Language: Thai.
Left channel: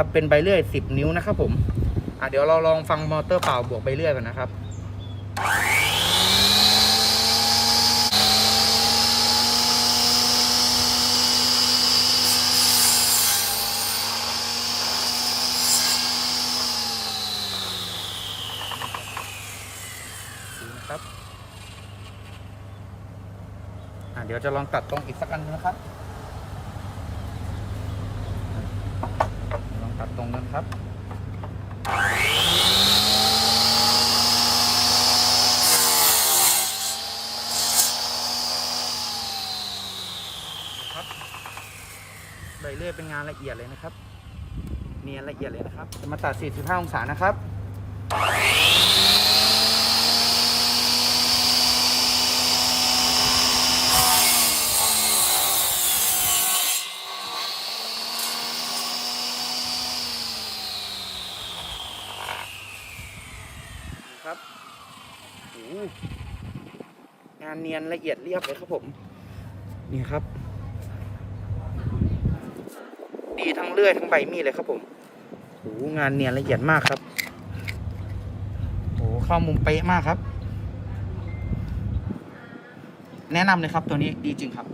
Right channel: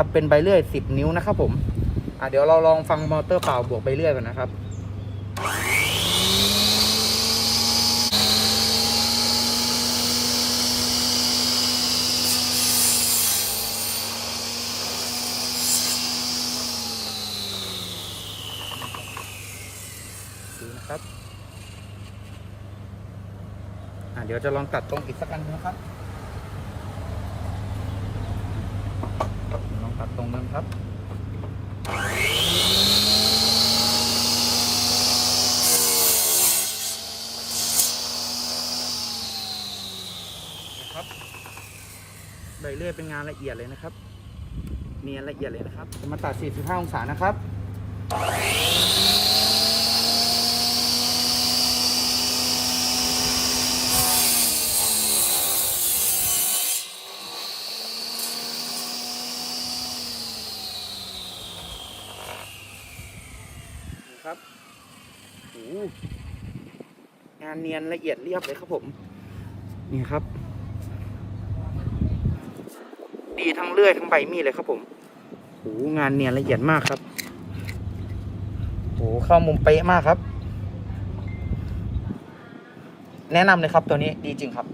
ครับเป็นใบเลื่อย 10 นิ้วนะครับผมอะเดี๋ยวเราลองฟังมอเตอร์เปล่าบวกใบเลื่อยกันนะครับดูนะครับ อะเดี๋ยวจะลองตัดตรงอีกสักอันนึงนะครับอะเดี๋ยวลองตัดตรงนั้น ครับครับใบเลื่อยเป็นงานละเอียดเลยนะครับ เนียนละเอียดเลยนะครับ จะมาตัด 45 องศานะครับ ครับโอ้โหงานเนียนละเอียดเรียบเลยครับผม นี่ครับ ดีทั้งเลื่อยทั้งใบมีดเลยครับผมโอ้โหงานเนียนละเอียดมากครับโอ้โหเข้ามุมเป๊ะมากครับ แนะนำเลยครับตัวนี้ดีจริงครับ